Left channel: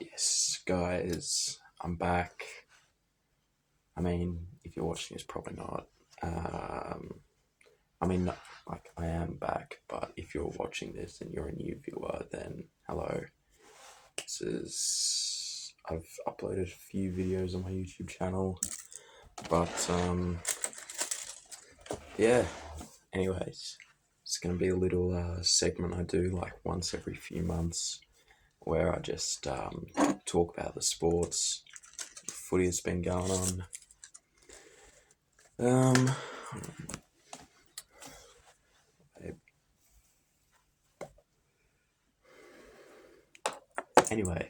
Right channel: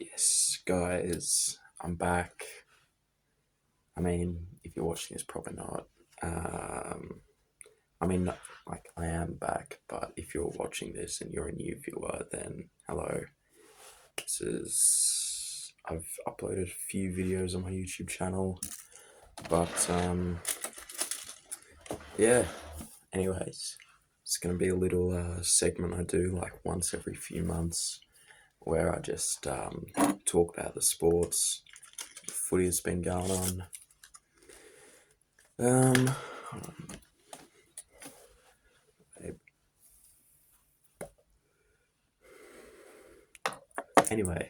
Yes, guys, I'm back. I mean, if you're watching this, probably not. Um, I mean, like, I am back, but if you're watching this and you're a new viewer, then hello. This is. I've uploaded a few videos on my YouTube channel, but, yeah. Anyways, it's gonna be a little segment I do like once every few months where I just talk about the sports, footy that's been going on. Um, anyway,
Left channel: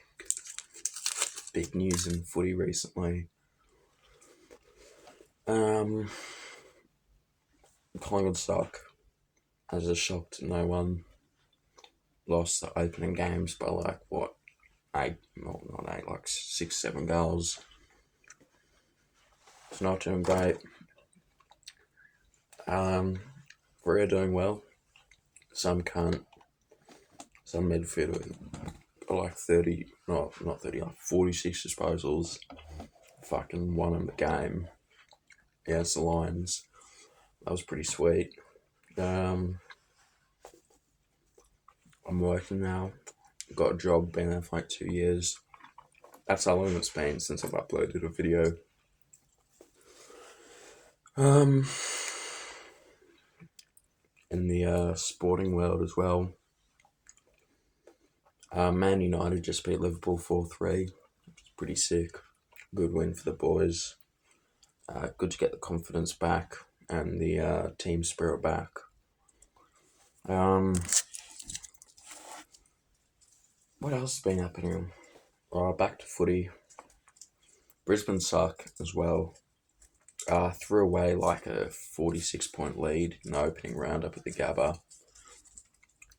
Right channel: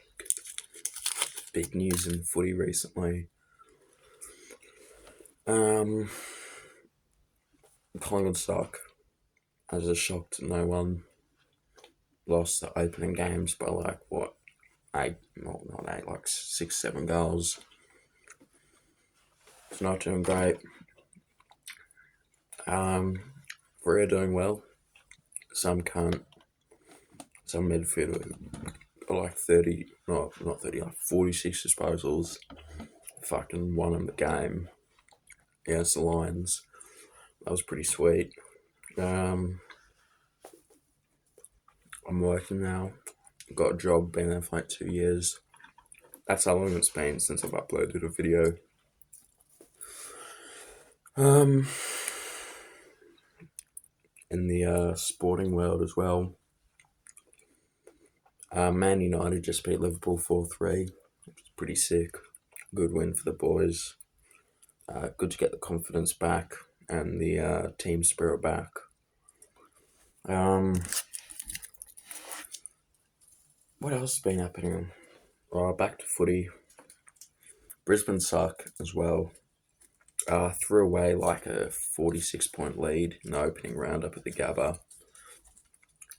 big news in footy recently. Um, Collingwood suck. As a shock to no one. Lost the opening games by like what, eight? Well, not eight, like 6, 7 goals. It's not doing great. We're doing well. Some can't. Some midfielder got like 30, not 30, like 46 disposals. Fucking won in the game against the Lions. That was pretty sweet. I'm working now. Got a job, been there for like 2 years. That's how long it's been since I've uploaded a video. In the sporting world as well, Man United just beat Liverpool 4-3, which was pretty sick. Good win for the boys. Good to get the confidence back and the team spirit back. What else has been happening? Back to footy. Brisbane suck as well. Threw away like a 46-point lead in the opening round up at the Gabba.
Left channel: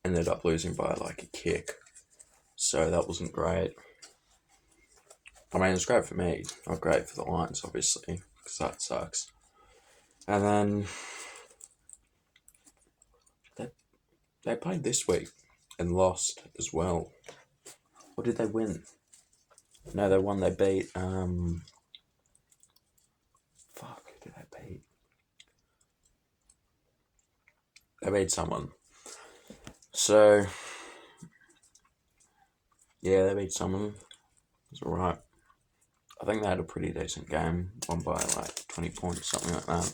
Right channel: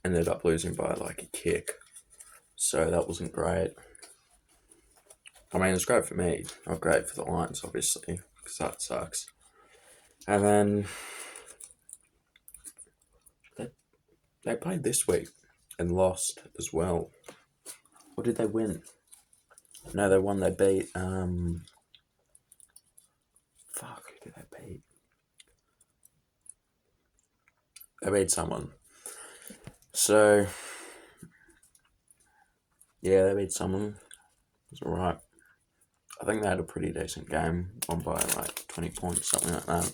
Ended up losing by like a kick. So that wasn't great. I mean, it's great for me, not great for the Lions, obviously, because that sucks. And then they played this week and lost as well. Or did they win? No, they won. They beat. Fuck, who did they beat? They beat someone. So, yeah, they beat someone. It's alright. I think they had a pretty decent game, won by like 20 points, something like that.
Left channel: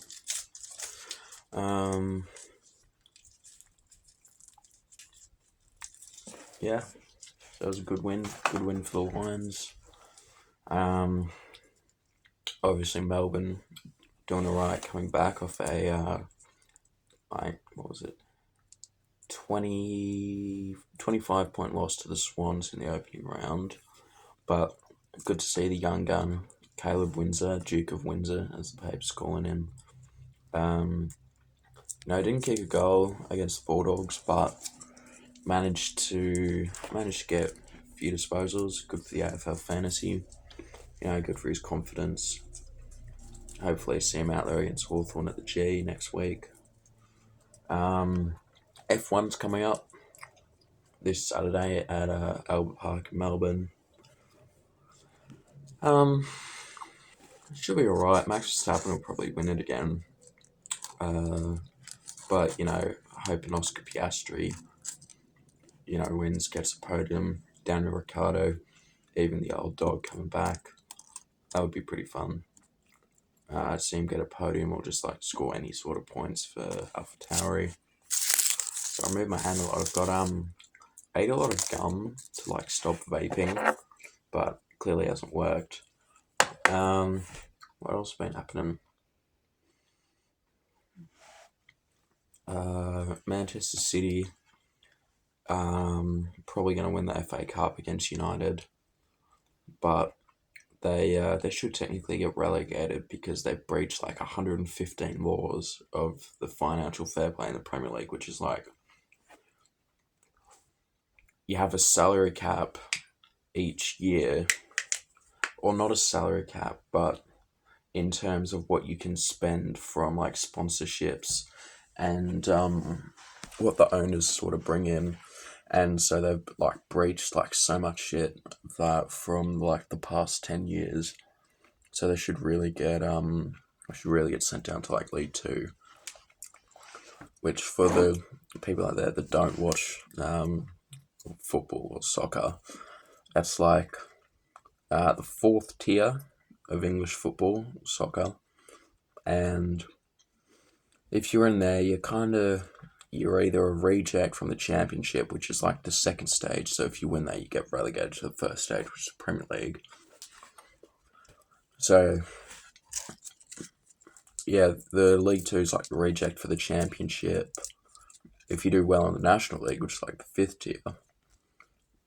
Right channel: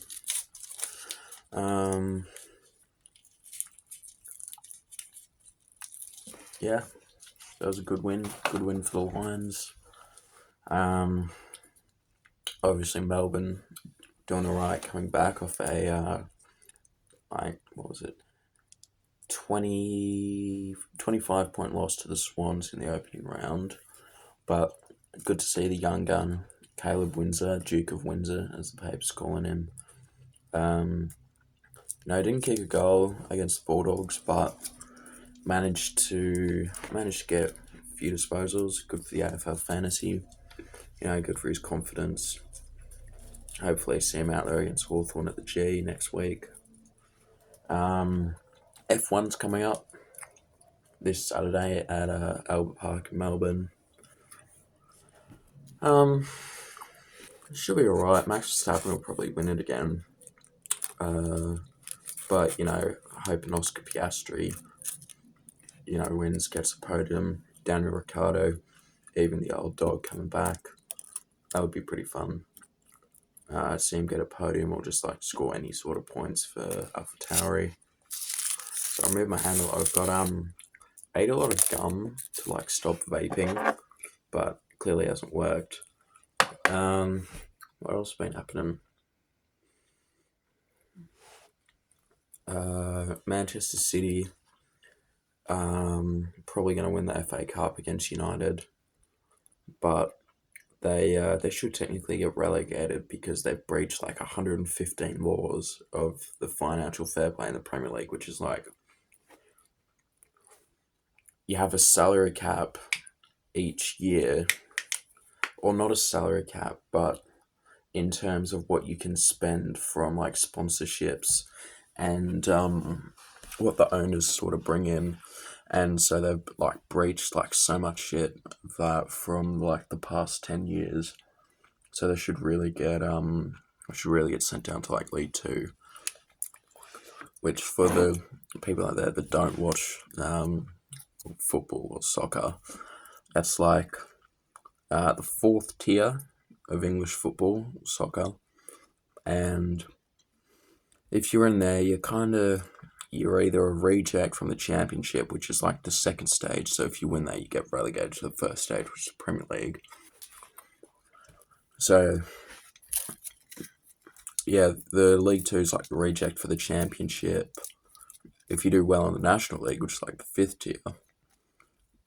Yeah, that was a good win. Good win for the Lions. Obviously Melbourne doing alright, coming back off a what was it, 25 point loss to the Swans in the opening round. But good to see the young gun, Caleb Windsor, Duke of Windsor, as the papers calling him. No, didn't kick a goal against the Bulldogs, but managed to get a few disposals. Good for the AFL fantasy. Good for his confidence. Hopefully see him out there against Hawthorn at the G next week. F1's coming up this Saturday at Albert Park in Melbourne. Should be alright. Max Verstappen will probably win it again. But, hoping Oscar Piastri, wins, gets a podium. Daniel Ricciardo, even the old dog coming back. That would be pretty fun. See him get a podium or just like score any sort of points for AlphaTauri. So I moved my hand a lot. I've got ate a lot of gum to like stop vaping, but clearly hasn't worked. What else has been happening? Manchester City probably going to win the FA Cup against United, but they should technically get relegated because they've breached like 115 laws of the financial fair play in the Premier League, which is like you have a salary cap each year, or not a salary cap, but in terms of what you can spend from like sponsorships and what the owners sort of bring in. and so they've like breached like so much shit that from like the past 10 years. So they should really get sent down to like League Two, which for the people out there that don't watch football or soccer, that's like the fourth tier of English football, soccer, and if you're in there, you're either a reject from the Championship, which is like the second stage. So if you win that, you get relegated to the first stage, which is the Premier League. So yeah, the League Two is like the reject for the Championship. If you do well in the National League, which is like the fifth tier,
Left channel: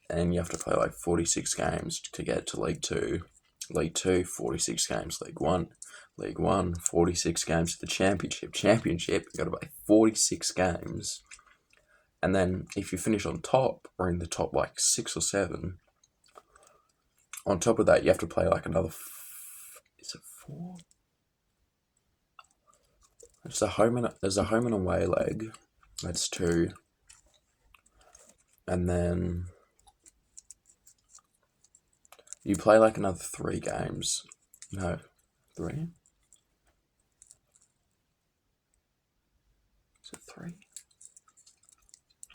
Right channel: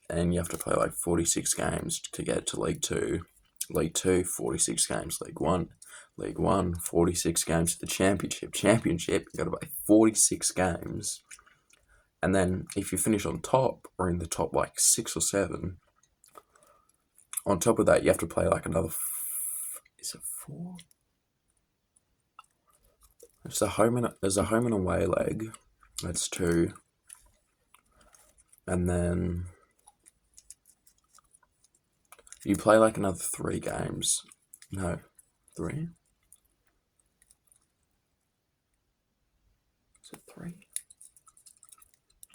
and you have to play like 46 games to get to League Two. League Two, 46 games. League One, 46 games to the Championship. Championship, you've got to play 46 games. And then if you finish on top, or in the top like 6 or 7, on top of that, you have to play like another... is it 4? There's a home and away leg. That's 2. And then you play like another 3 games. No, 3? Is it 3?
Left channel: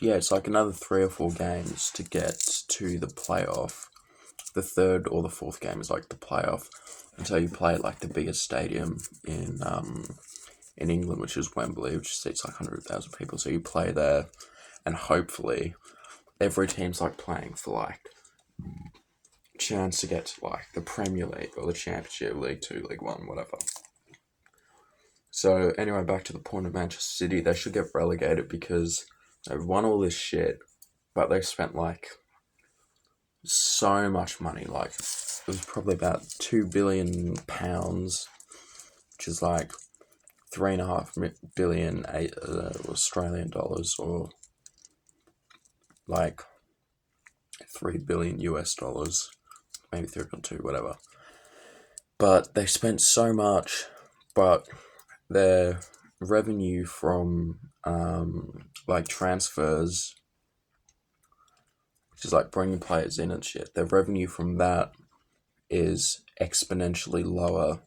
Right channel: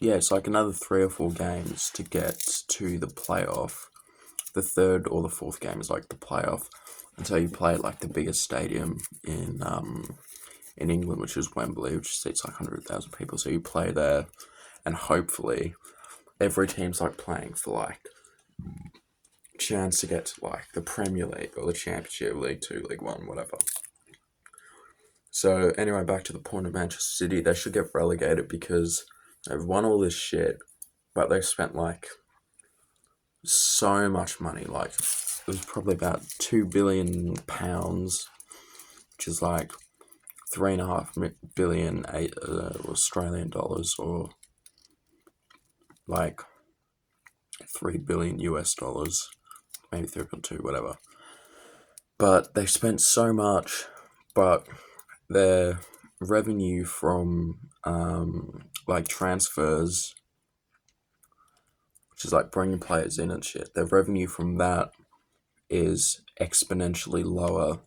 Yeah, it's like another 3 or 4 games to get to the playoff. The third or the fourth game is like the playoff. And so you play at like the biggest stadium in England, which is Wembley, which seats like 100,000 people. So you play there, and hopefully every team's like playing for like chance to get to like the Premier League or the Championship, League 2, League 1, whatever. So anyway, back to the point of Manchester City. They should get relegated because they've won all this shit, but they've spent like so much money. Like it was probably about £2 billion, which is like 3.5 billion Australian dollars, or like $3 billion US dollars, maybe 3.2, whatever. But they spent so much, but their revenue from like transfers, which is like bringing players in and shit, their revenue from that is exponentially lower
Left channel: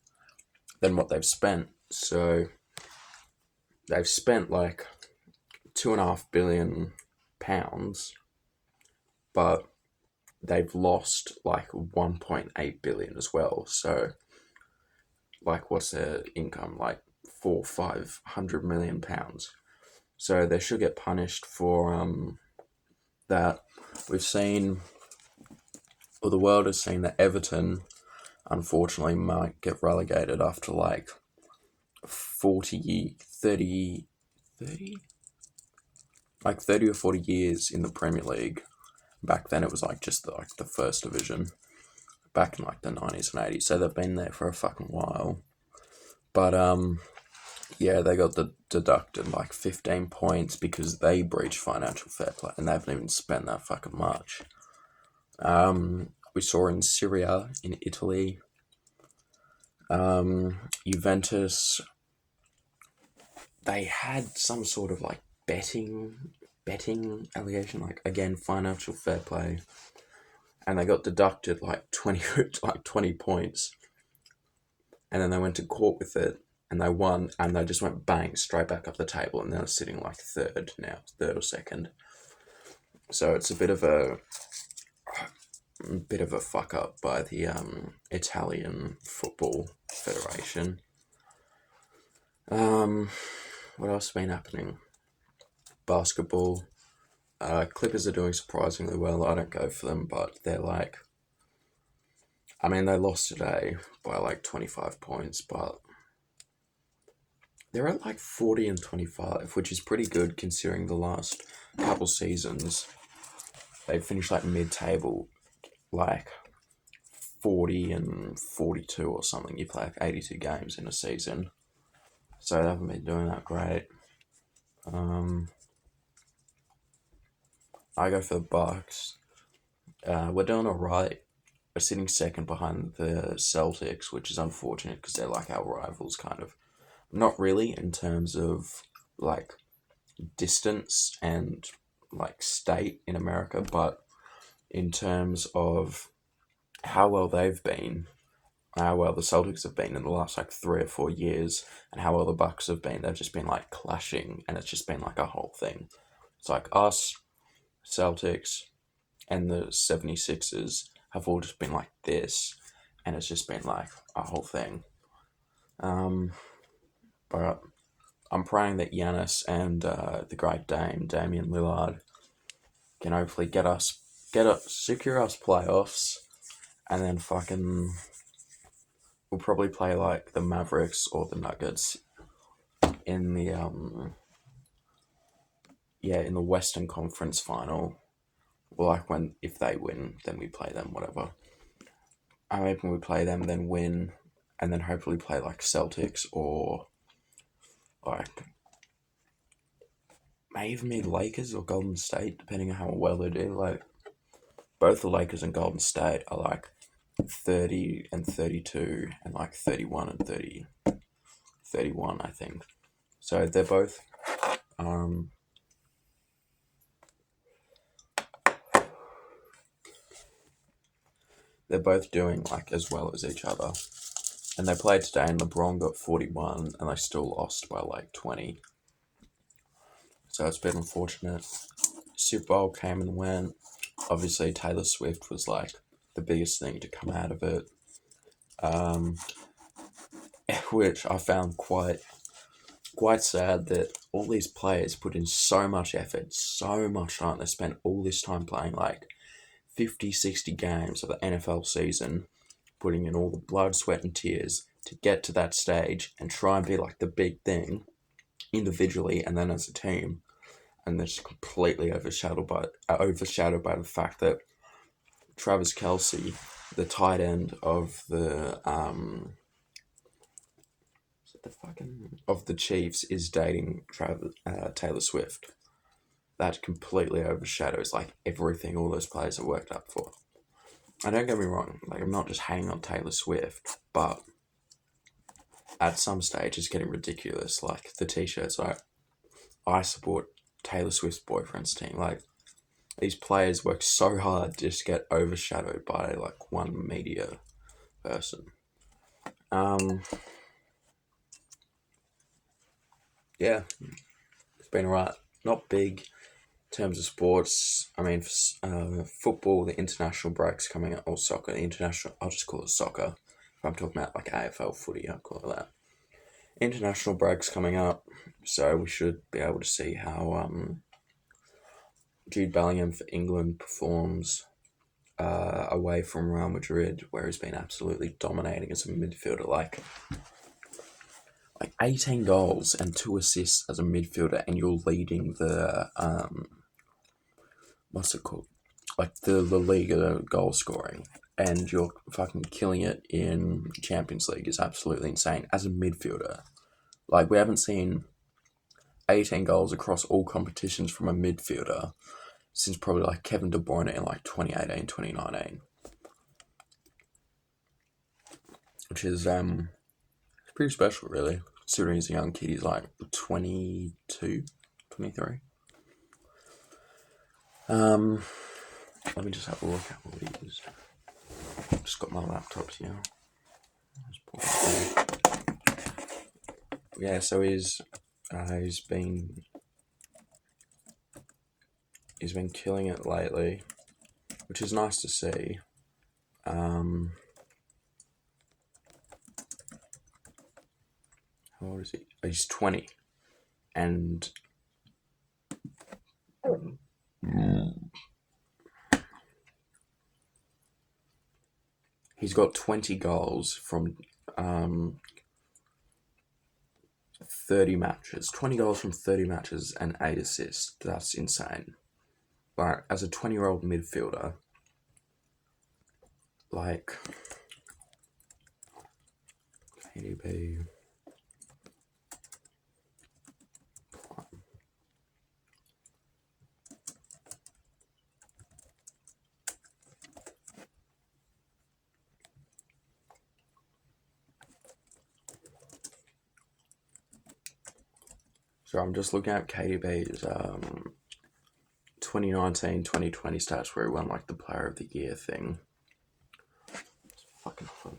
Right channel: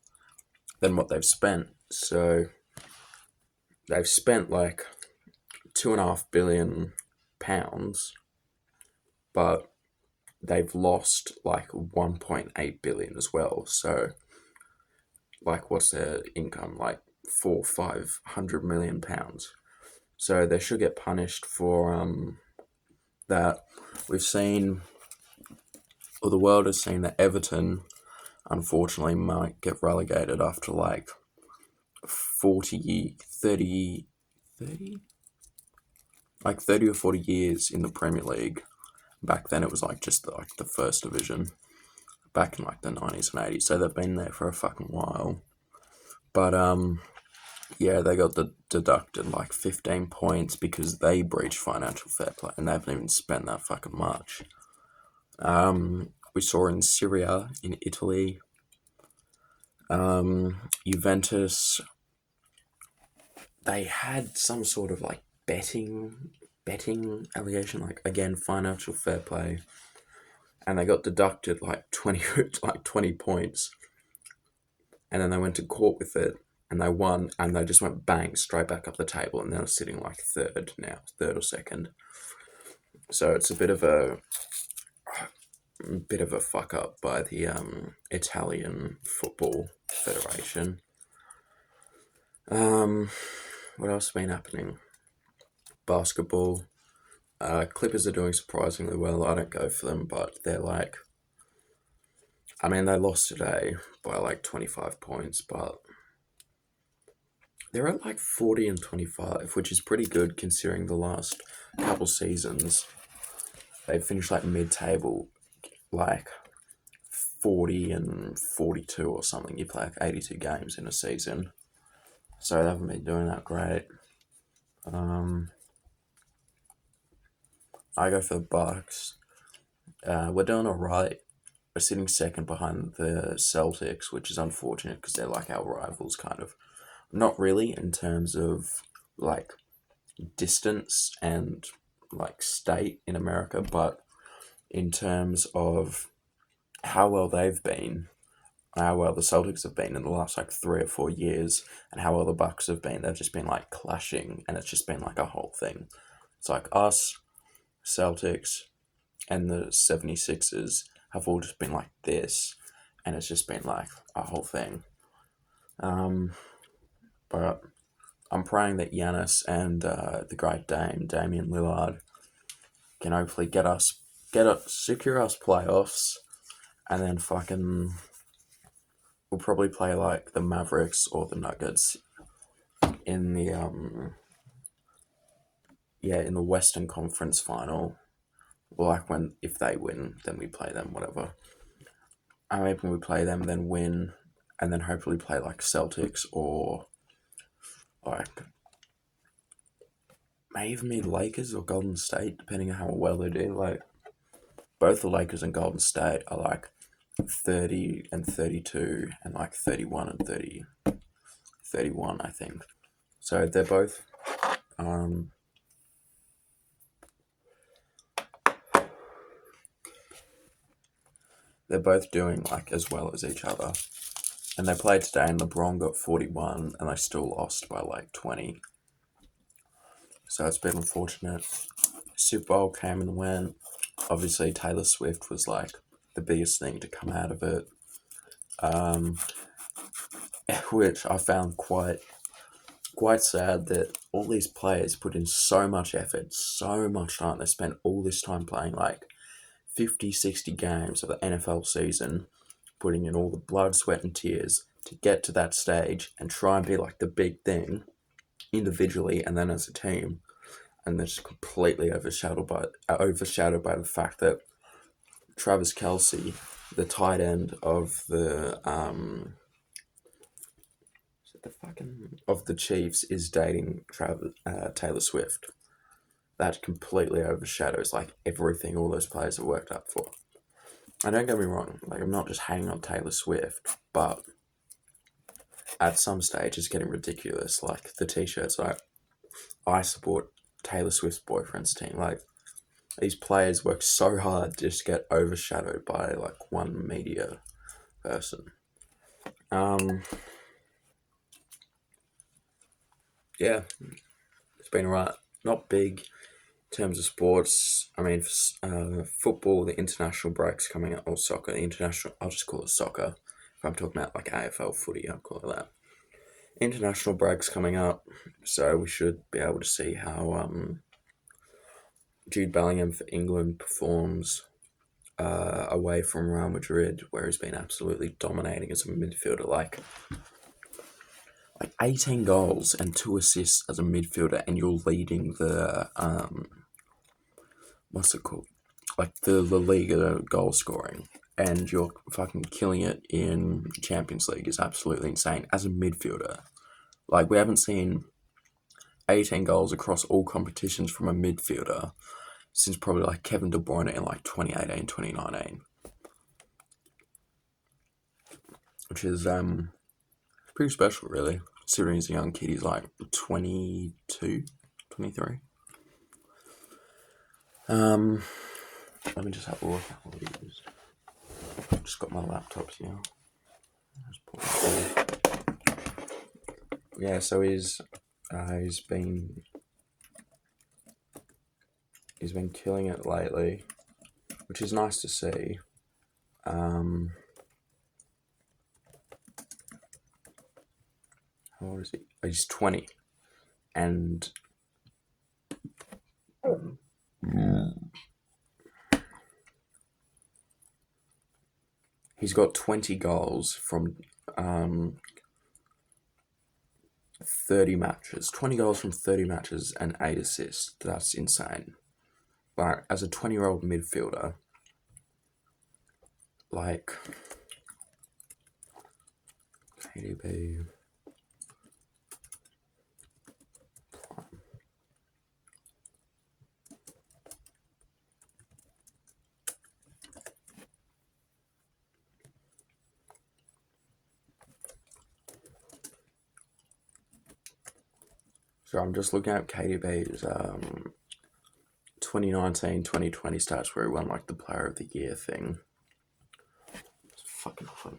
than what they've spent. So they've spent like £2.5 billion, but they've lost like 1.8 billion as well. So like, what's their income? Like £400-500 million. So they should get punished for that. We've seen, or the world has seen, that Everton unfortunately might get relegated after like 30 or 40 years in the Premier League. Back then it was like just like the first division, back in like the 90s and 80s. So they've been there for a fucking while. But yeah, they got deducted like 15 points because they breached financial fair play, and they haven't even spent that fucking much. We saw in Syria, in Italy, Juventus, they had some sort of like betting allegation, like again financial fair play, and they got deducted like 20 points, and then they went to court with it, and they won, and they just went bang straight back up the table, and they're sitting like third or second. So it's a bit of a fuck up by the Italian Football Federation. What else has been happening? Basketball. Clippers are doing surprisingly well. I don't go for them, but they're like, I mean, they lost today by like 25 points, but they're at like 40 and 25, which is pretty good considering the last couple seasons they finished like mid-table, like 40 and 42 or something. You play like 82 games in a season, so they haven't been doing that great. I go for the Bucks. We're doing alright. We're sitting second behind the Celtics, which is unfortunate because they're like our rivals, kind of. Not really in terms of like distance and like state in America, but in terms of how well they've been, how well the Celtics have been in the last like 3 or 4 years, and how well the Bucks have been, they've just been like clashing, and it's just been like a whole thing. It's like us, Celtics, and the 76ers have all just been like this, and it's just been like a whole thing. But I'm praying that Giannis and the great Damian Lillard, can hopefully secure us playoffs, and then we'll probably play like the Mavericks or the Nuggets in the in the Western Conference final. Or like if they win, then we play them, whatever. I'm hoping we play them, then win, and then hopefully play like Celtics or like maybe Lakers or Golden State, depending on how well they do. Like both the Lakers and Golden State are like 30 and 32 and like 31 and 31, I think. So they're both doing like as well as each other. And they played today, and LeBron got 41, and they still lost by like 20. So it's been unfortunate. Super Bowl came and went. Obviously, Taylor Swift was like the biggest thing to come out of it, which I found quite sad that all these players put in so much effort, so much time. They spent all this time playing like 50, 60 games of the NFL season, putting in all the blood, sweat, and tears to get to that stage and try and be like the big thing individually and then as a team. And they're just completely overshadowed by the fact that Travis Kelce, the tight end of the Chiefs, is dating Taylor Swift. That completely overshadows like everything all those players have worked up for. And don't get me wrong, like I'm not just hating on Taylor Swift, but at some stage it's getting ridiculous. Like the t-shirts, like I support Taylor Swift's boyfriend's team. Like these players work so hard to just get overshadowed by like one media person. Yeah, it's been right. Not big in terms of sports. I mean, football, the international break's coming up, or soccer, I'll just call it soccer. If I'm talking about like AFL footy, I'll call it that. International break's coming up, so we should be able to see how Jude Bellingham for England performs away from Real Madrid, where he's been absolutely dominating as a midfielder. Like 18 goals and 2 assists as a midfielder, and you're leading the what's it called? Like the La Liga goal scoring, and you're fucking killing it in Champions League is absolutely insane as a midfielder. Like we haven't seen 18 goals across all competitions from a midfielder since probably like Kevin De Bruyne in like 2018, 2019. Which is pretty special, really, considering he's a young kid. He's like 22, 23. Let me just have a look at what he is. I've just got my laptop here. Yeah, so he's been killing it lately, which is nice to see. How old is he? He's 20, and he's got 20 goals from 30 matches. 20 goals from 30 matches and 8 assists. That's insane. But as a 20-year-old midfielder, like KDB. So I'm just looking at KDB's 2019-2020 stats where he won like the Player of the Year thing. It's fucking fun.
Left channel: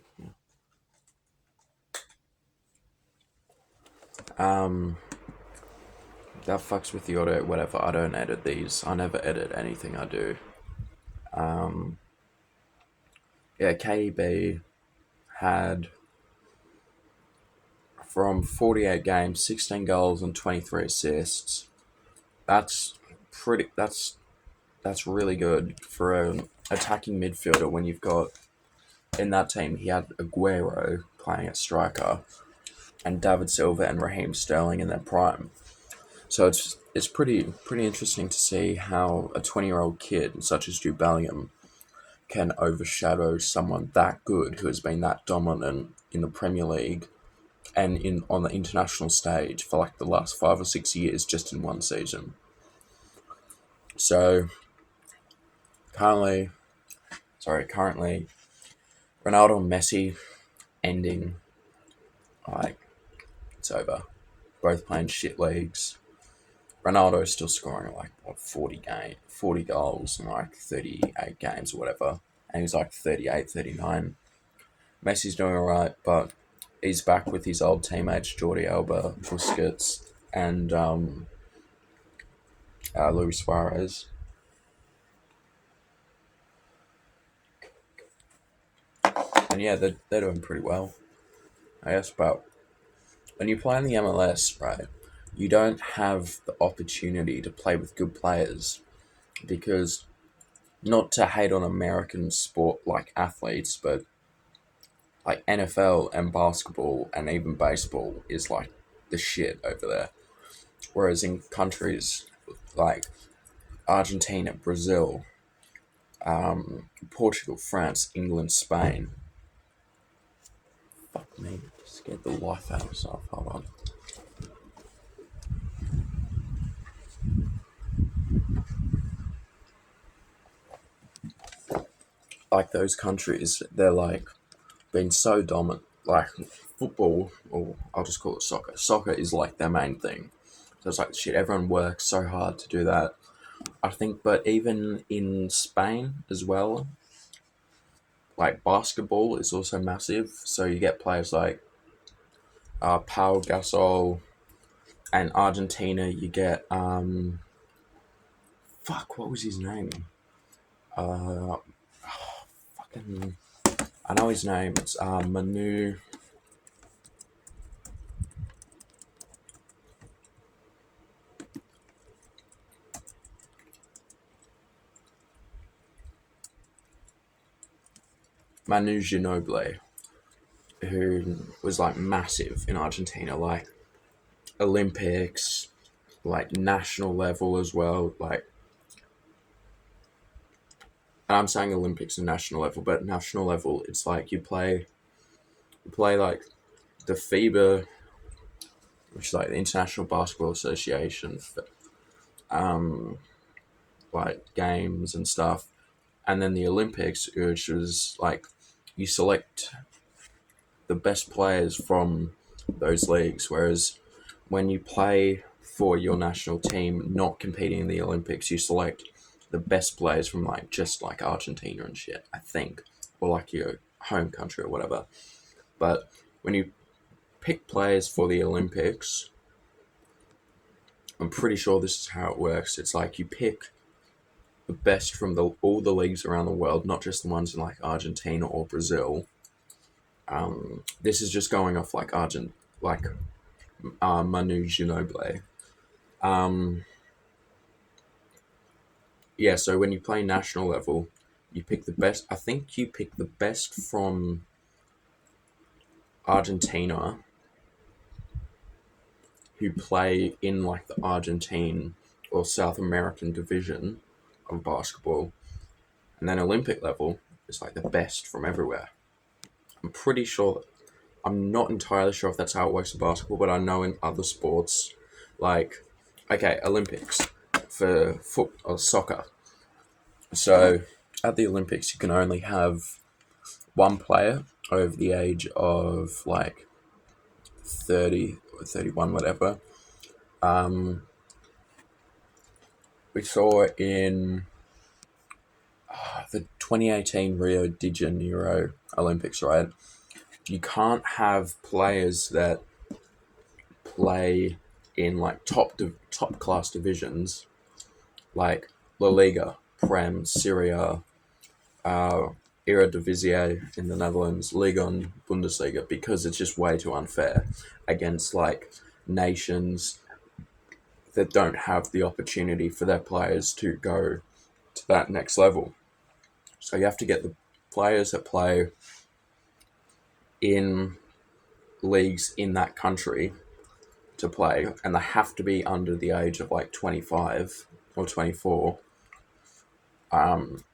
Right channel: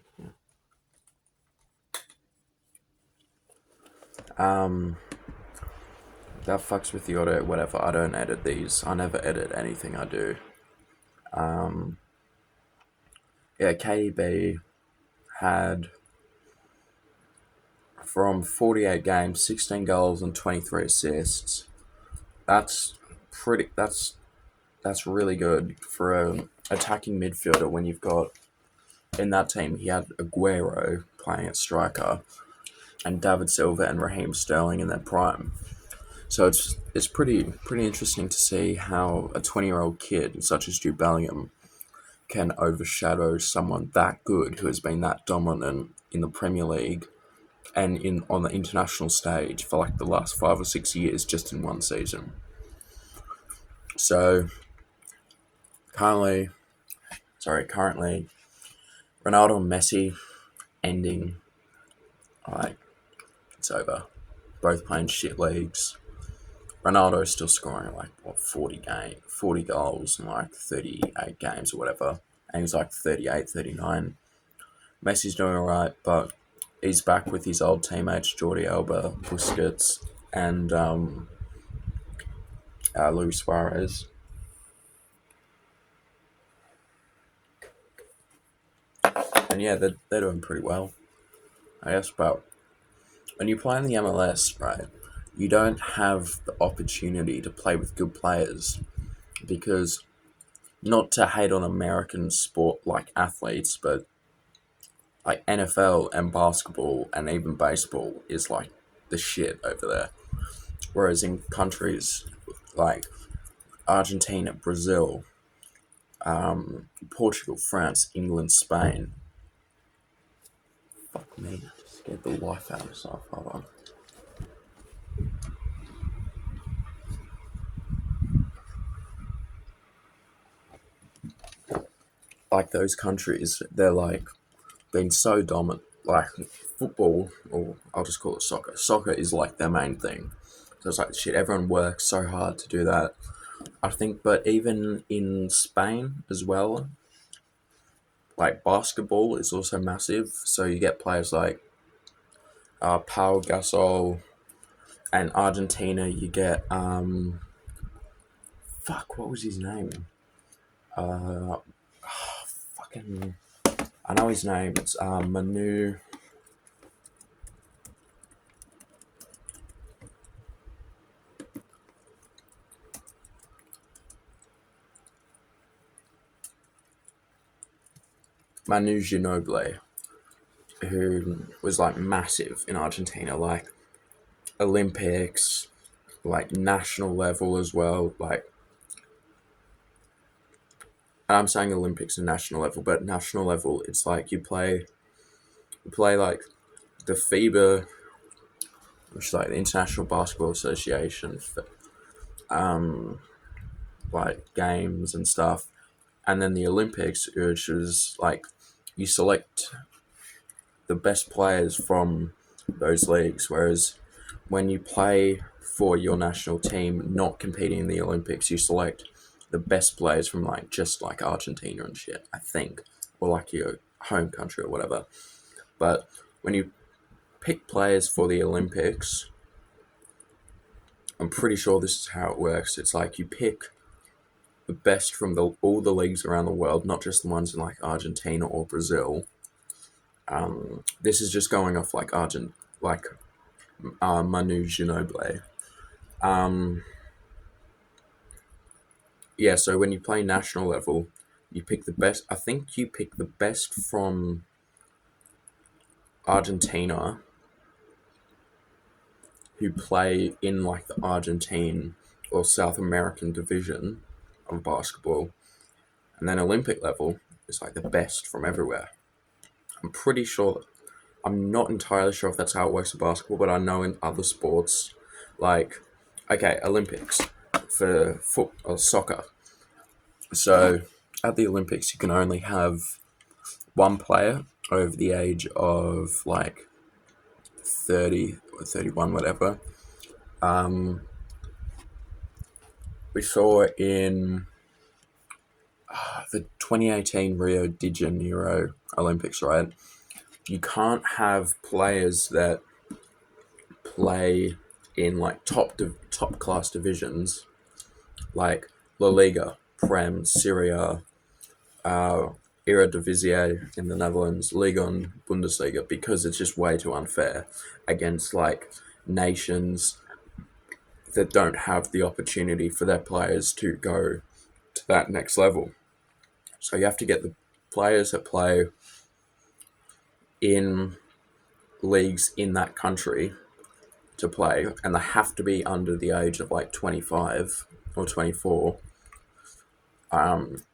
That fucks with the audio, whatever. I don't edit these. I never edit anything I do. Yeah, KDB had, from 48 games, 16 goals and 23 assists. That's really good for an attacking midfielder when you've got, in that team, he had Aguero playing at striker and David Silva and Raheem Sterling in their prime. So it's pretty interesting to see how a 20-year-old kid such as Jude Bellingham can overshadow someone that good who has been that dominant in the Premier League and on the international stage for like the last 5 or 6 years just in one season. So currently Ronaldo and Messi ending, like, it's over. Both playing shit leagues. Ronaldo's still scoring like 40 goals in like 38 games or whatever, and he's like 38, 39. Messi's doing alright, but he's back with his old teammates Jordi Alba, Busquets, and Luis Suarez. And yeah, they're doing pretty well, I guess. But when you play in the MLS, right, you don't have the opportunity to play with good players because, not to hate on American sport like athletes, but like NFL and basketball and even baseball is like the shit over there. Whereas in countries like Argentina, Brazil, Portugal, France, England, Spain. Fuck me, I just scared the life out of myself. Hold on. Like those countries, they're like been so dominant. Like football, or I'll just call it soccer. Soccer is like their main thing. So it's like shit. Everyone works so hard to do that. I think, but even in Spain as well, like basketball is also massive. So you get players like Pau Gasol, and Argentina you get what was his name? Fucking, I know his name. It's Manu. Manu Ginobili, who was like massive in Argentina, like Olympics, like national level as well. Like, I'm saying Olympics and national level, but national level, it's like you play like the FIBA, which is like the International Basketball Association, like games and stuff, and then the Olympics, which was like you select the best players from those leagues. Whereas when you play for your national team, not competing in the Olympics, you select the best players from like just like Argentina and shit, I think, or like your home country or whatever. But when you pick players for the Olympics, I'm pretty sure this is how it works. It's like you pick the best from all the leagues around the world, not just the ones in like Argentina or Brazil. This is just going off like Manu Ginobili. Yeah, so when you play national level, you pick the best. I think you pick the best from Argentina who play in like the Argentine or South American division of basketball. And then Olympic level is like the best from everywhere. I'm pretty sure, I'm not entirely sure if that's how it works in basketball, but I know in other sports, like, okay, Olympics for soccer. So at the Olympics, you can only have one player over the age of like 30 or 31, whatever. we saw in the 2018 Rio de Janeiro Olympics, right? You can't have players that play in like top class divisions like La Liga, Prem, Syria, uh, Eredivisie in the Netherlands, Liga and Bundesliga, because it's just way too unfair against like nations that don't have the opportunity for their players to go to that next level. So you have to get the players that play in leagues in that country to play, and they have to be under the age of like 25 or 24.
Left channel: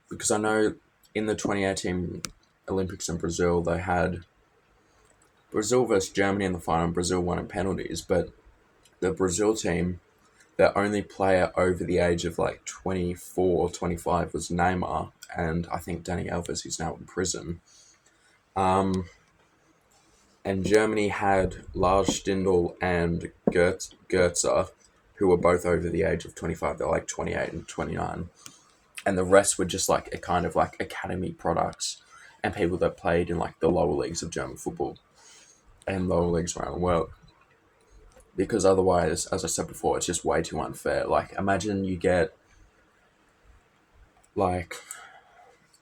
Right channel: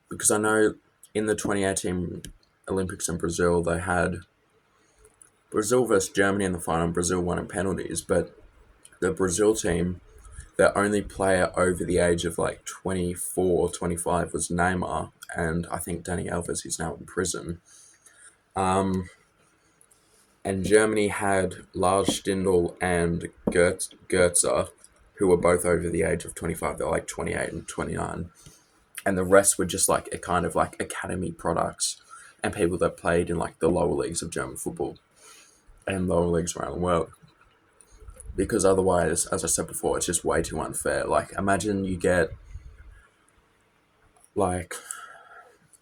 Because I know in the 2018 Olympics in Brazil, they had Brazil versus Germany in the final. Brazil won in penalties, but the Brazil team, their only player over the age of like 24 or 25 was Neymar, and I think Dani Alves is now in prison. And Germany had Lars Stindl and Goetze, who were both over the age of 25. They're like 28 and 29. And the rest were just like a kind of like academy products and people that played in like the lower leagues of German football and lower leagues around the world. Because otherwise, as I said before, it's just way too unfair. Like, imagine you get like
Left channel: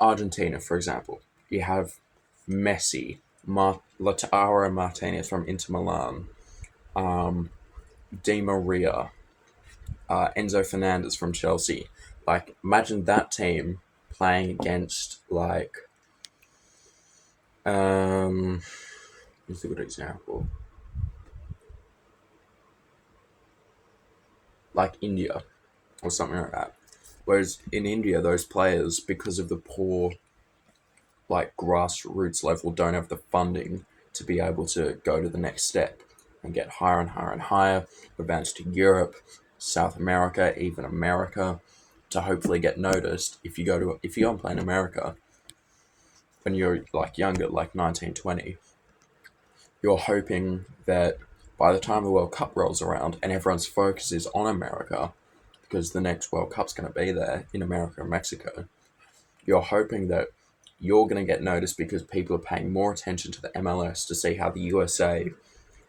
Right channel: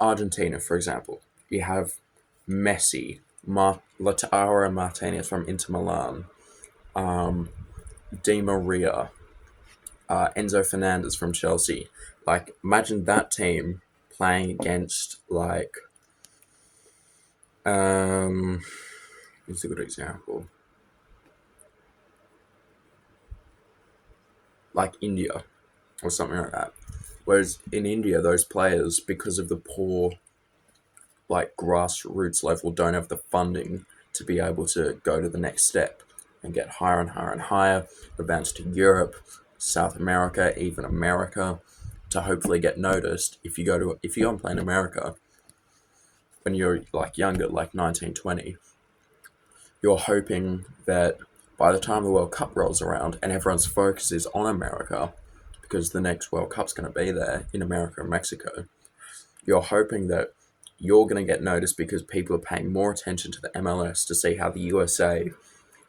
Argentina, for example. You have Messi, Lautaro Martinez from Inter Milan, Di Maria, Enzo Fernandez from Chelsea. Like, imagine that team playing against like, who's a good example? Like India or something like that. Whereas in India, those players, because of the poor like grassroots level, don't have the funding to be able to go to the next step and get higher and higher and higher, advance to Europe, South America, even America, to hopefully get noticed. If you go and play in America when you're like younger, like 19, 20, you're hoping that by the time the World Cup rolls around and everyone's focus is on America, because the next World Cup's going to be there in America and Mexico, you're hoping that you're going to get noticed because people are paying more attention to the MLS to see how the USA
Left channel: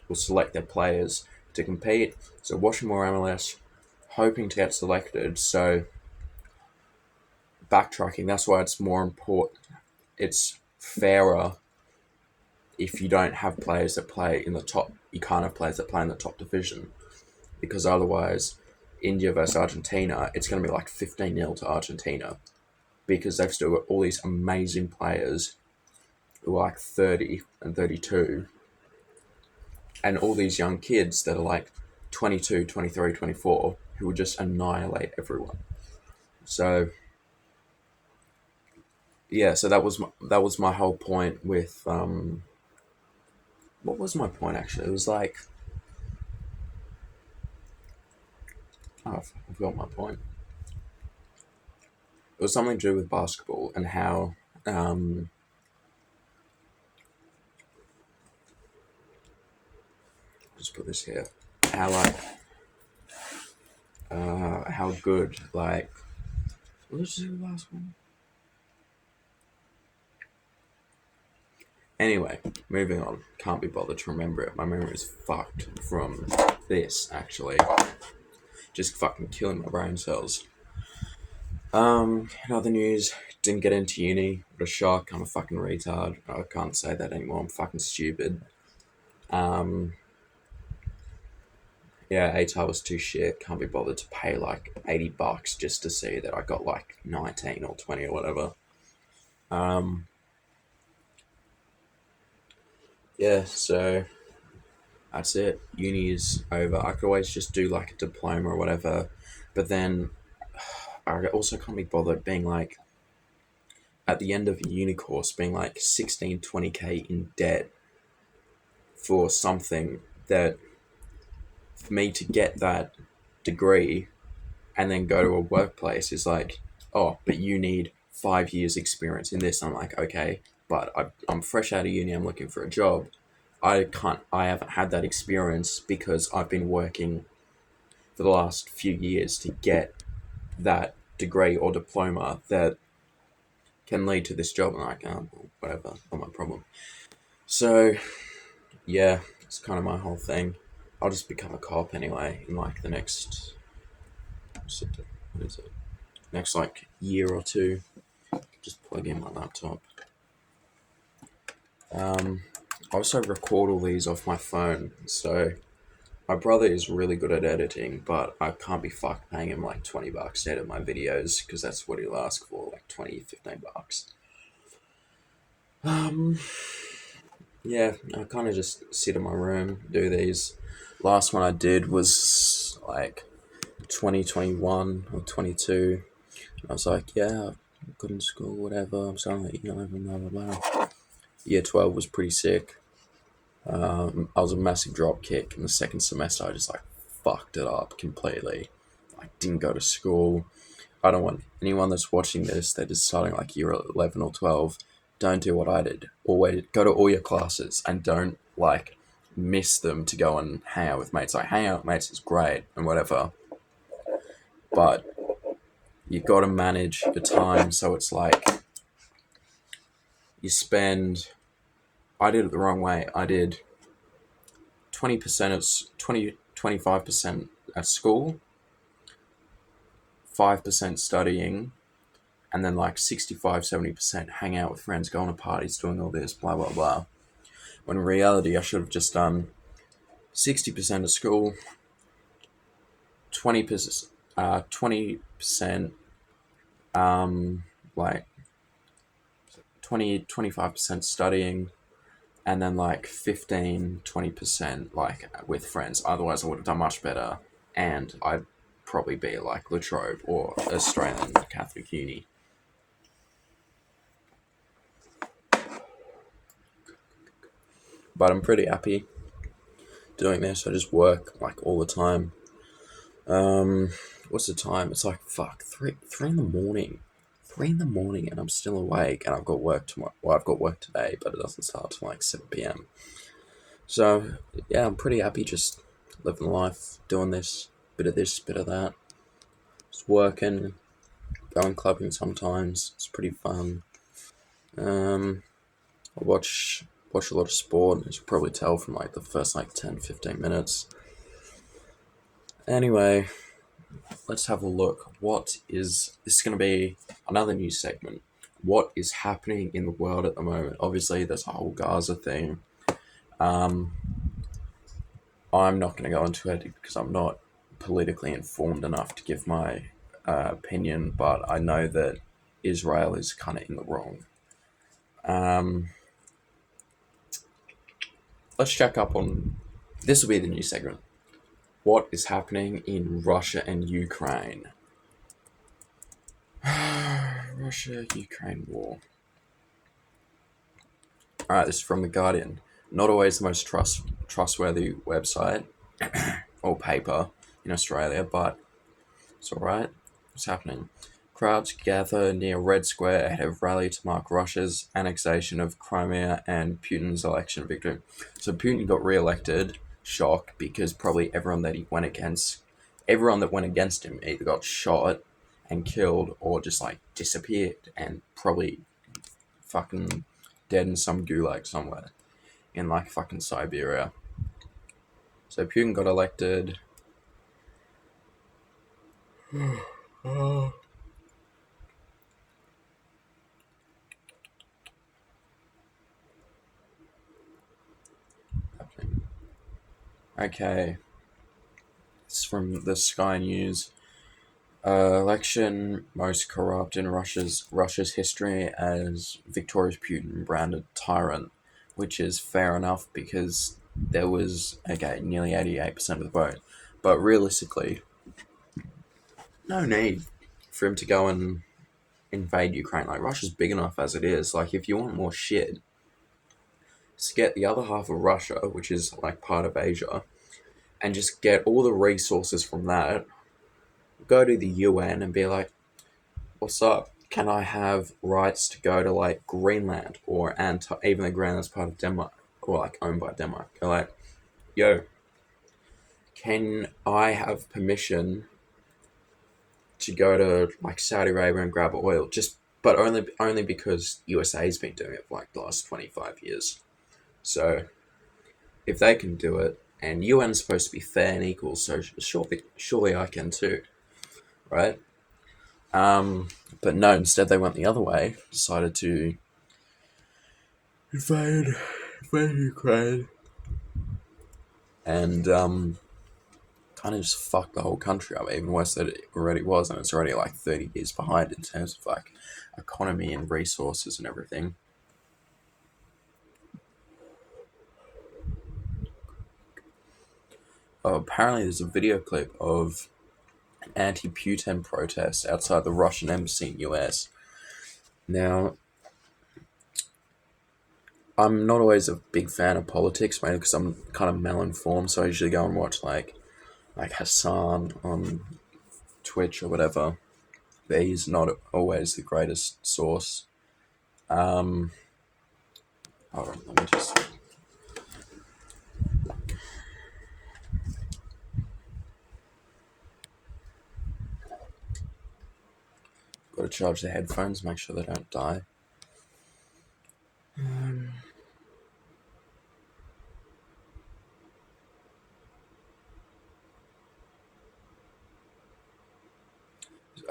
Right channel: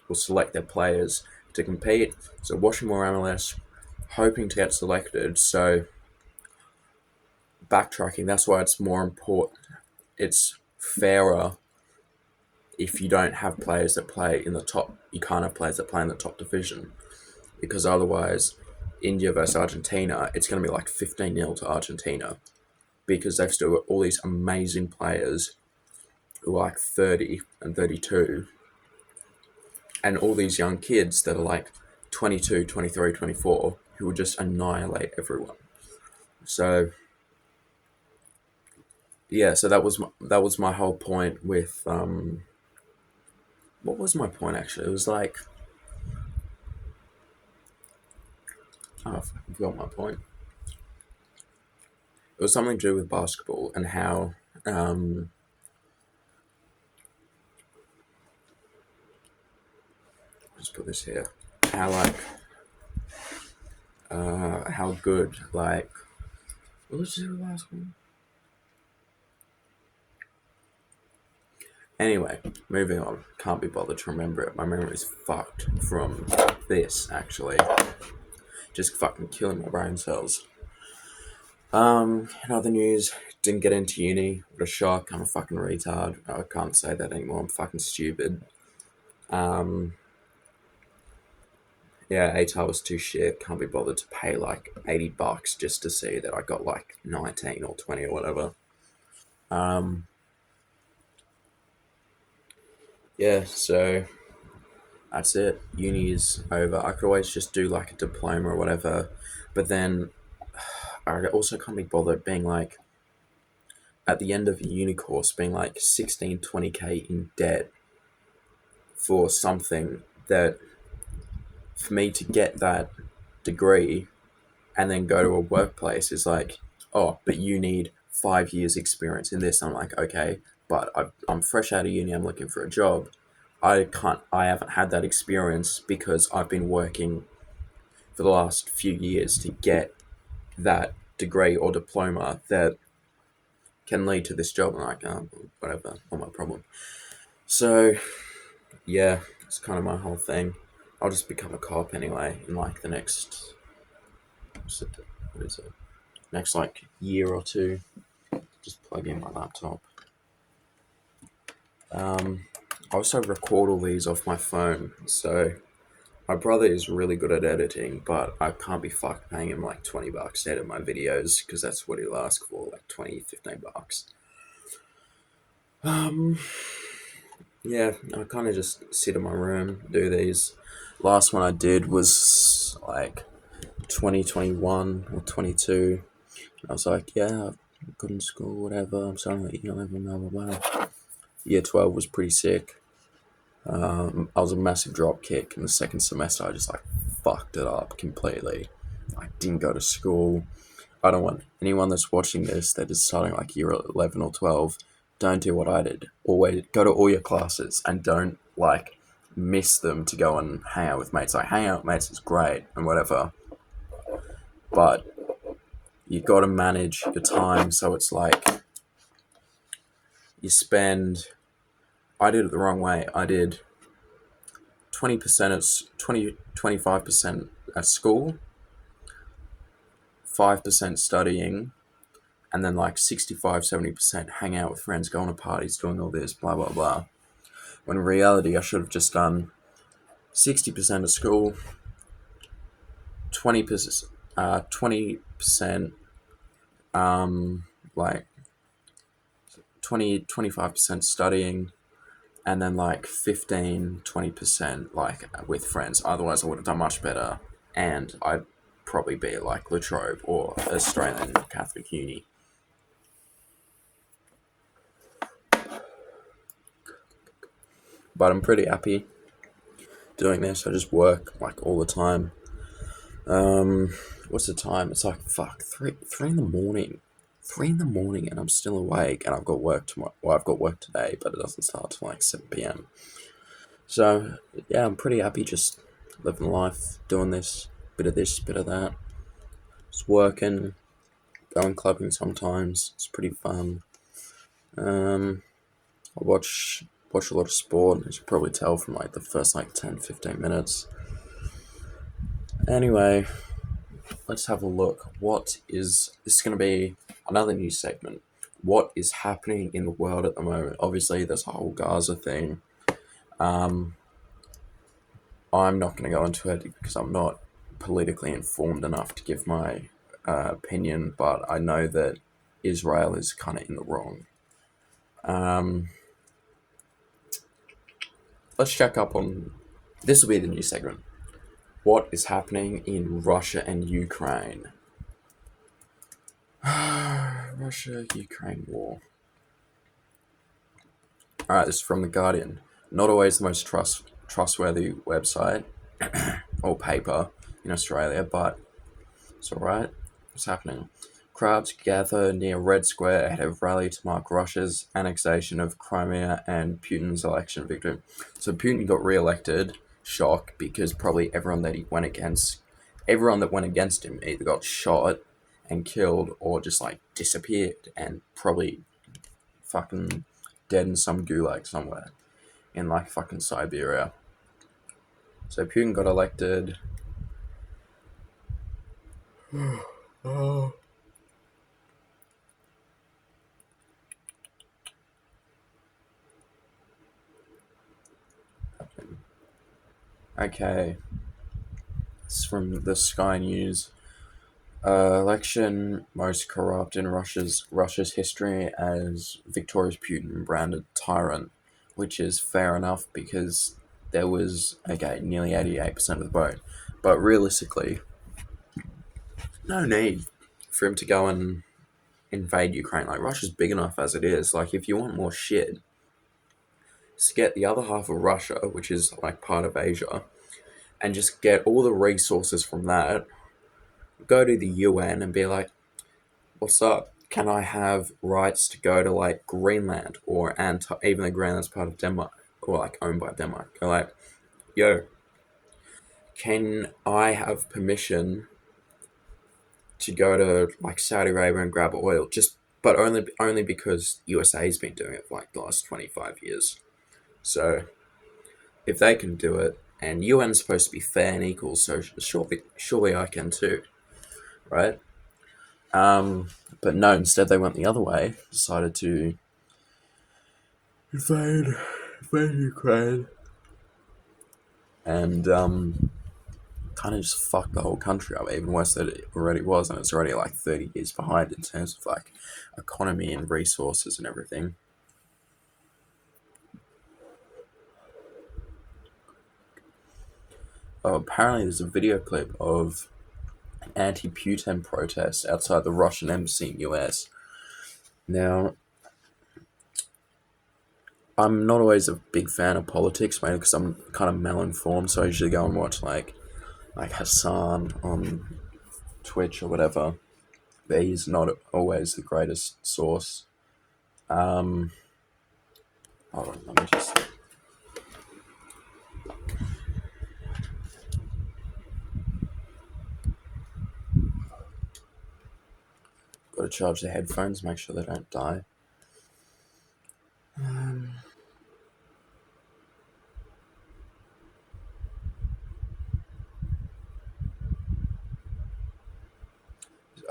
will select their players to compete. So watching more MLS, hoping to get selected. So backtracking, that's why it's more important. It's fairer if you don't have players that play in the top. You can't have players that play in the top division, because otherwise, India versus Argentina, it's going to be like 15-0 to Argentina, because they've still got all these amazing players who are like 30 and 32, and all these young kids that are like 22, 23, 24, who will just annihilate everyone. So yeah, so that was my whole point with what was my point actually? It was like, I forgot my point. It was something to do with basketball and how just put this here. How like how good like what was the last one? Anyway, moving on. Can't be bothered to remember it. My memory is fucked from this actually. Just fucking killing my brain cells. In other news, didn't get into uni. What a shock. I'm a fucking retard. I can't say that anymore. I'm fucking stupid. Yeah, ATAR was too shit. Can't be bothered to pay like $80 just to see that I got like 19 or 20 or whatever. Yeah, so that's it. Uni is over. I could always just do like a diploma or whatever, but then I also can't be bothered being like, at the end of a uni course, being like 16, 20k in debt for something that, for me to get that degree and then go to a workplace is like, oh, but you need 5 years experience in this. I'm like, okay, but I'm fresh out of uni. I'm looking for a job. I haven't had that experience because I've been working for the last few years to get that degree or diploma that can lead to this job. And like, whatever, not my problem. So, yeah, it's kind of my whole thing. I'll just become a cop anyway in like the next, what is it? Next like year or two. Just plug in my laptop. I also record all these off my phone, so my brother is really good at editing, but I can't be fucked paying him like $20 to edit my videos, because that's what he'll ask for, like 20, $15. Yeah, I kind of just sit in my room, do these. Last one I did was like 2021 or 22. I was like, yeah, good in school, whatever. I'm starting at year 11, blah, blah, blah. Year 12 was pretty sick. I was a massive drop kick in the second semester. I just like fucked it up completely. I didn't go to school. I don't want anyone that's watching this that is starting like year 11 or 12, don't do what I did. Always go to all your classes and don't like miss them to go and hang out with mates. Like hang out with mates is great and whatever, but you got to manage your time. So it's like you spend, I did it the wrong way. I did 20% at 25% at school, 5% studying, and then like 65-70% hang out with friends, going to parties, doing all this, blah blah blah. When in reality I should have just done 60% of school, 20% like 25% studying, and then like 15-20% like with friends. Otherwise I would have done much better, and I'd probably be like La Trobe or Australian Catholic Uni. But I'm pretty happy doing this. I just work like all the time. What's the time? It's like fuck, three in the morning. 3 in the morning, and I'm still awake, and I've got work tomorrow. Well, I've got work today, but it doesn't start till like 7 p.m. So yeah, I'm pretty happy just living life, doing this, bit of this, bit of that. Just working, going clubbing sometimes. It's pretty fun. I watch a lot of sport, as you can probably tell from like the first like 10-15 minutes. Anyway, let's have a look. This is going to be another new segment. What is happening in the world at the moment? Obviously, there's a whole Gaza thing. I'm not going to go into it because I'm not politically informed enough to give my opinion, but I know that Israel is kind of in the wrong. Let's check up on, this will be the new segment. What is happening in Russia and Ukraine? Russia-Ukraine war. Alright, this is from The Guardian. Not always the most trustworthy website or paper in Australia, but it's alright. What's happening? Crowds gather near Red Square ahead of rally to mark Russia's annexation of Crimea and Putin's election victory. So Putin got re-elected. Shock, because probably everyone that went against him either got shot and killed or just like disappeared and probably fucking dead in some gulag somewhere in like fucking Siberia. So Putin got elected. Okay. It's from the Sky News. Election most corrupt in Russia's history, as victorious Putin branded tyrant, which is fair enough because there was nearly 88% of the vote. But realistically, no need for him to go and invade Ukraine. Like, Russia's big enough as it is. Like, if you want more shit, just get the other half of Russia, which is like part of Asia, and just get all the resources from that, go to the UN and be like, what's up? Can I have rights to go to like Greenland or even though Greenland's part of Denmark or like owned by Denmark? They're like, yo, can I have permission to go to like Saudi Arabia and grab oil, but only because USA's been doing it for like the last 25 years. So if they can do it, and UN's supposed to be fair and equal, so surely I can too, right? Um, but no, instead they went the other way, decided to invade, invade Ukraine, and kind of just fucked the whole country up, even worse than it already was, and it's already like 30 years behind in terms of like economy and resources and everything. Oh, apparently there's a video clip of an anti-Putin protest outside the Russian embassy in US. Now, I'm not always a big fan of politics, mainly because I'm kind of mal-informed, so I usually go and watch like Hassan on Twitch or whatever. But he's not always the greatest source. Um, oh, let me just. Got to charge the headphones, make sure they don't die.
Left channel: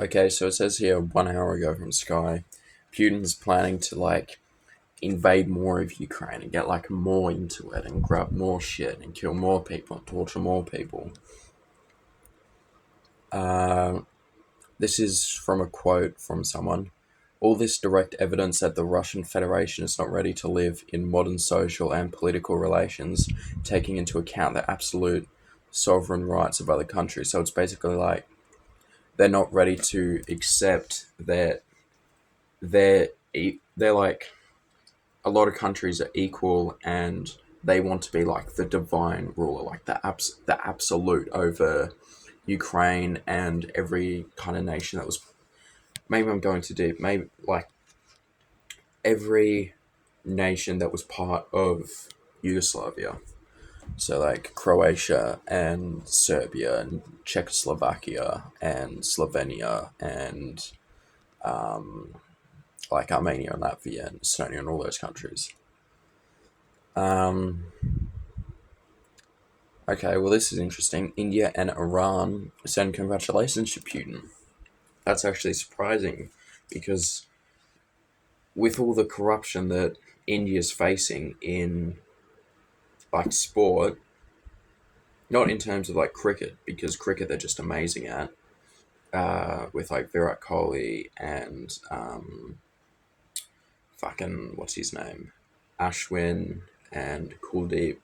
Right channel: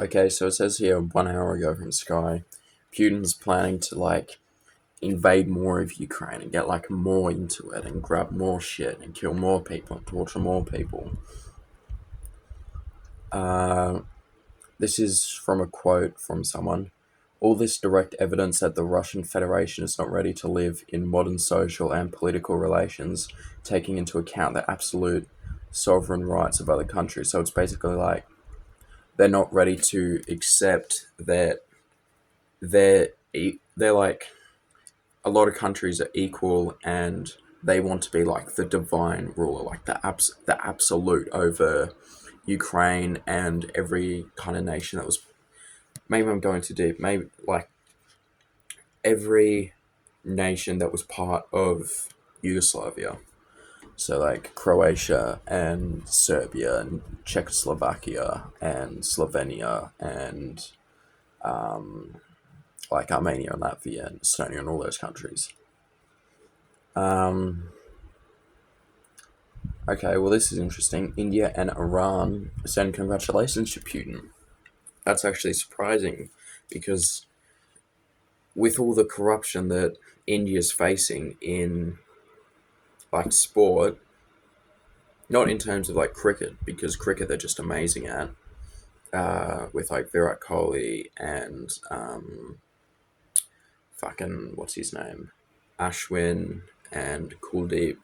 Okay, so it says here 1 hour ago from Sky, Putin's planning to like invade more of Ukraine and get like more into it and grab more shit and kill more people and torture more people. This is from a quote from someone. All this direct evidence that the Russian Federation is not ready to live in modern social and political relations, taking into account the absolute sovereign rights of other countries. So it's basically like they're not ready to accept that they're like a lot of countries are equal and they want to be like the divine ruler, like the absolute over Ukraine and every kind of nation that was. Maybe I'm going too deep. Maybe like every nation that was part of Yugoslavia. So like Croatia and Serbia and Czechoslovakia and Slovenia and like Armenia and Latvia and Estonia and all those countries. Okay, well this is interesting. India and Iran send congratulations to Putin. That's actually surprising because with all the corruption that India's facing in like sport, not in terms of like cricket, because cricket they're just amazing at, with like Virat Kohli and fucking what's his name, Ashwin and Kuldeep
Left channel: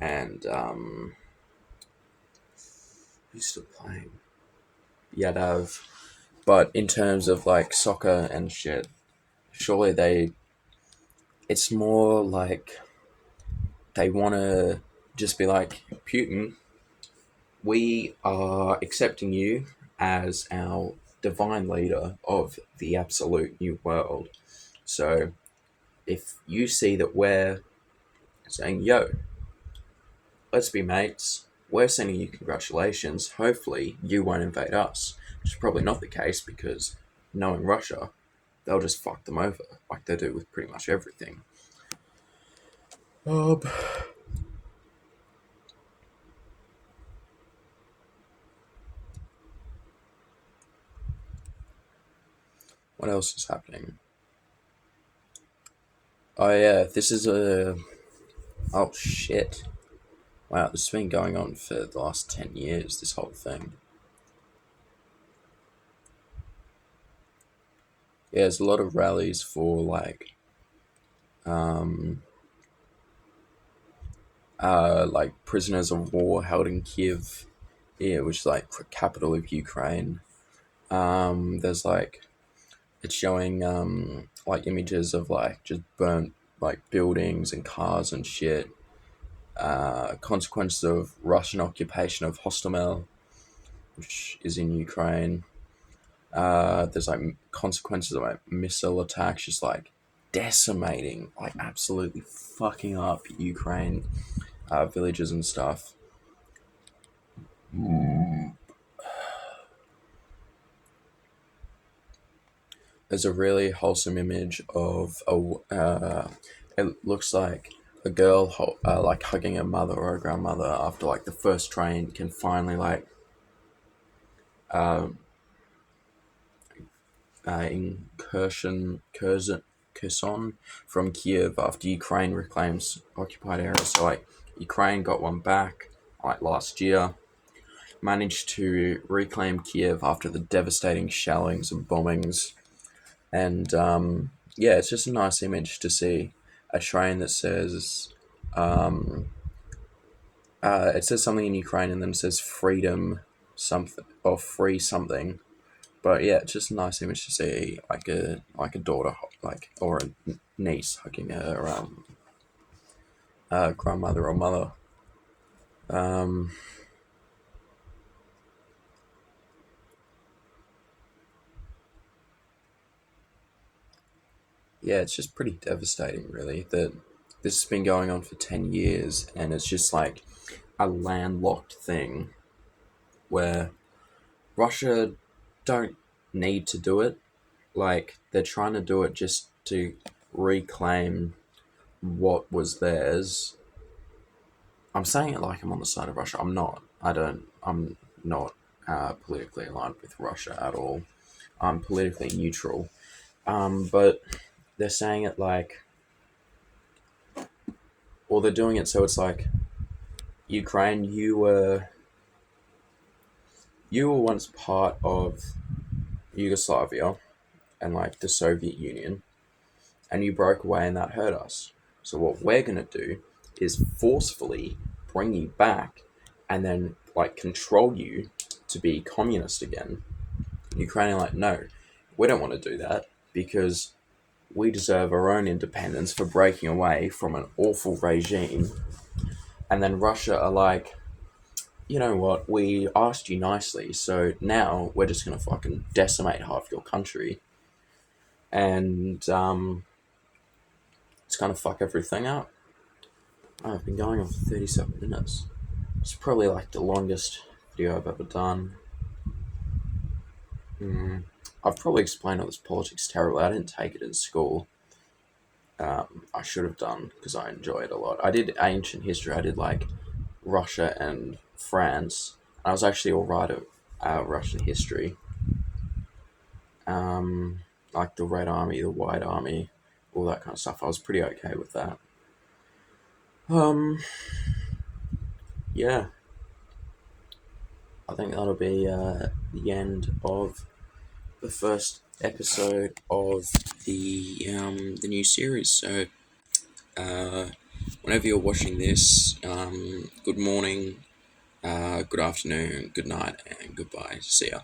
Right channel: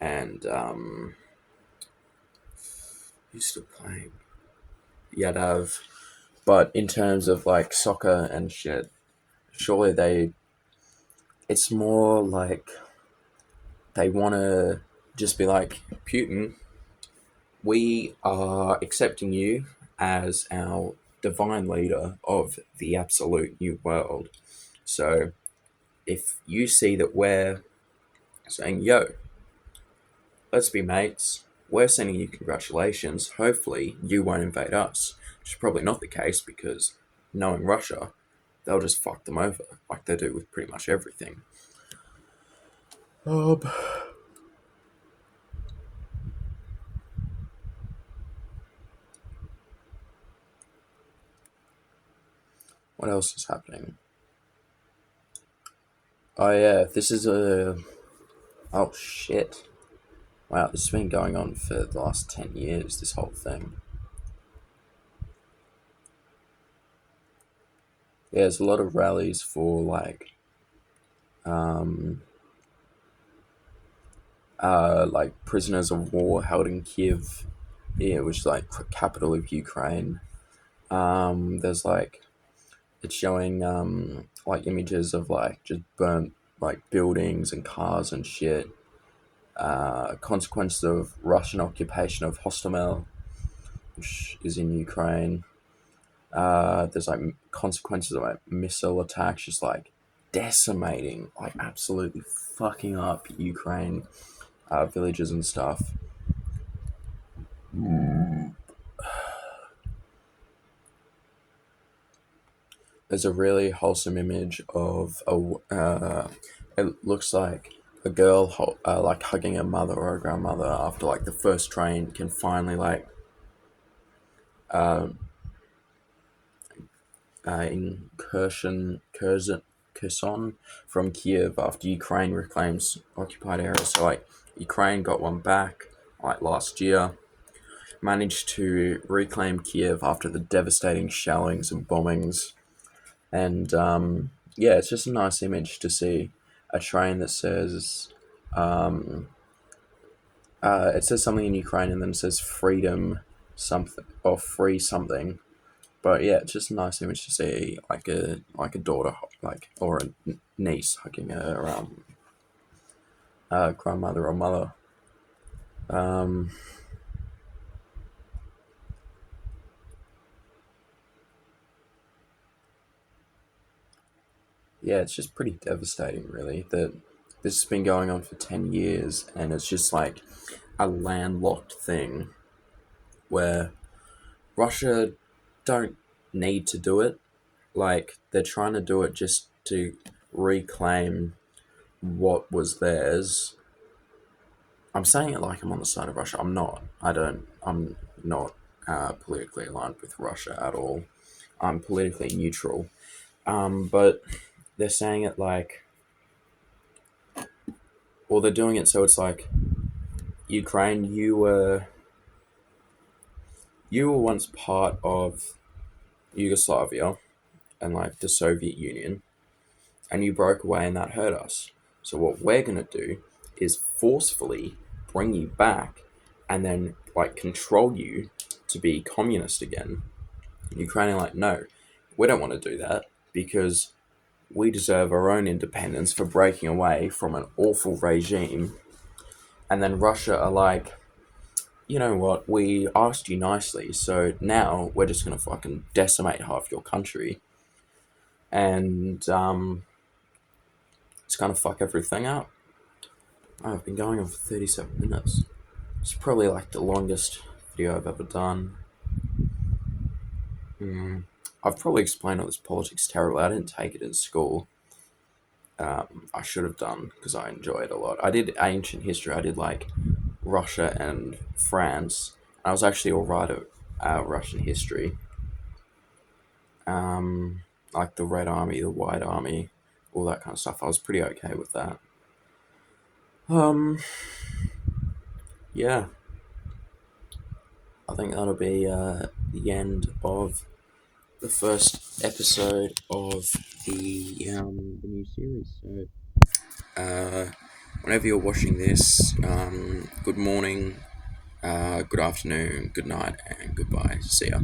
and who's still playing, Yadav. But in terms of like soccer and shit, surely it's more like they want to just be like, Putin, we are accepting you as our divine leader of the absolute new world. So if you see that we're saying, yo, let's be mates, we're sending you congratulations, hopefully you won't invade us. Which is probably not the case because knowing Russia, they'll just fuck them over like they do with pretty much everything. Um, what else is happening? Oh yeah, this is a... Oh shit. Wow, this has been going on for the last 10 years, this whole thing. Yeah, there's a lot of rallies for like prisoners of war held in Kiev, yeah, which is like capital of Ukraine. There's like it's showing like images of like just burnt like buildings and cars and shit. Consequences of Russian occupation of Hostomel, which is in Ukraine. There's like consequences of like missile attacks, just like decimating, like absolutely fucking up Ukraine villages and stuff. there's a really wholesome image of it looks like a girl like hugging her mother or her grandmother after like the first train can finally like um, Kherson from Kiev after Ukraine reclaims occupied areas. So like Ukraine got one back like last year, managed to reclaim Kiev after the devastating shellings and bombings, and yeah, it's just a nice image to see a train that says. It says something in Ukraine and then it says freedom something or free something. But yeah, it's just a nice image to see like a daughter like or a niece hugging her grandmother or mother. Um, yeah, it's just pretty devastating, really. That this has been going on for 10 years, and it's just like a landlocked thing where Russia don't need to do it. Like they're trying to do it just to reclaim what was theirs. I'm saying it like I'm on the side of Russia. I'm not. I don't. I'm not politically aligned with Russia at all. I'm politically neutral. But they're saying it like, well, they're doing it so it's like Ukraine. You were once part of Yugoslavia and like the Soviet Union, and you broke away, and that hurt us. So what we're gonna do is forcefully bring you back, and then like control you to be communist again. Ukraine are like, no, we don't want to do that because we deserve our own independence for breaking away from an awful regime. And then Russia are like, you know what, we asked you nicely, so now we're just gonna fucking decimate half your country. And it's gonna fuck everything up. Oh, I've been going on for 37 minutes. It's probably like the longest video I've ever done. I've probably explained all this politics terribly. I didn't take it in school. I should have done because I enjoy it a lot. I did ancient history. I did like Russia and France. I was actually alright at Russian history. Like the Red Army, the White Army, all that kind of stuff. I was pretty okay with that. Um, yeah, I think that'll be the end of the first episode of the new series. So, uh, whenever you're watching this, good morning, good afternoon, good night, and goodbye. See ya.